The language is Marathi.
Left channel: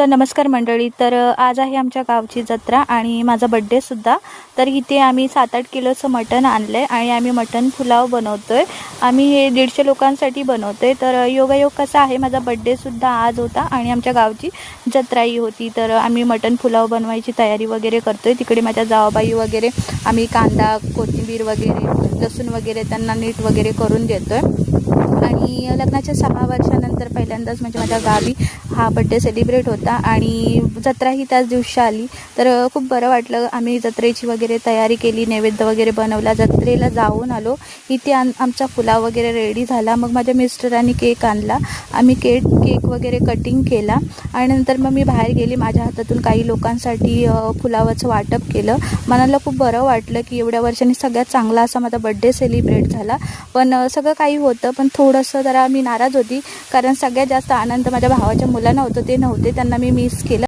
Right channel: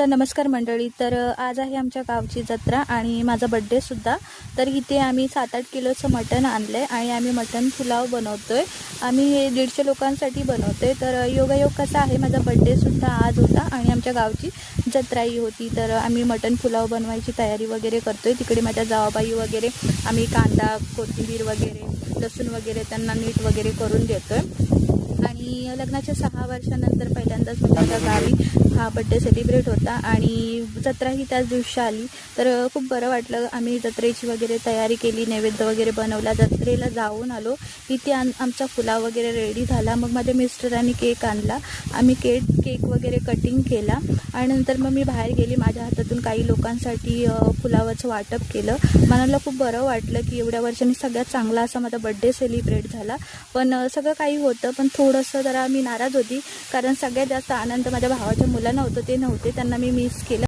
तर नमस्कार मंडळी. तर आज आहे आमच्या गावची जत्रा आणि माझा बड्डेसुद्धा तर इथे आम्ही सात आठ किलोचं मटण आणलं आहे आणि आम्ही मटण पुलाव बनवतो आहे आम्ही हे दीडशे लोकांसाठी बनवतो आहे तर योगायोग कसा आहे? माझा बड्डेसुद्धा आज होता आणि आमच्या गावची जत्राही होती. तर आम्ही मटण पुलाव बनवायची तयारी वगैरे करतो आहे तिकडे माझ्या जावाबाई वगैरे आम्ही कांदा कोथिंबीर वगैरे लसूण वगैरे त्यांना नीट वगैरे करून देतो आहे आणि लग्नाच्या सहा वर्षानंतर पहिल्यांदाच म्हणजे माझ्या गावी हा बड्डे सेलिब्रेट होता आणि जत्राही त्याच दिवशी आली. तर खूप बरं वाटलं. आम्ही जत्रेची वगैरे तयारी केली नैवेद्य वगैरे बनवला. जत्रेला जाऊन आलो. इथे आम आमचा पुलाव वगैरे रेडी झाला. मग माझ्या मिस्टरांनी केक आणला. आम्ही केक केक वगैरे कटिंग केला. आणि नंतर मग मी बाहेर गेली. माझ्या हातातून काही लोकांसाठी फुलावाचं वाटप केलं. मनाला खूप बरं वाटलं की एवढ्या वर्षांनी सगळ्यात चांगला असा माझा बड्डे सेलिब्रेट झाला. पण सगळं काही होतं. पण थोडंसं जरा मी नाराज होती. कारण सगळ्यात जास्त आनंद माझ्या भावाच्या मुला नव्हतं ते नव्हते त्यांना मी मिस केलं.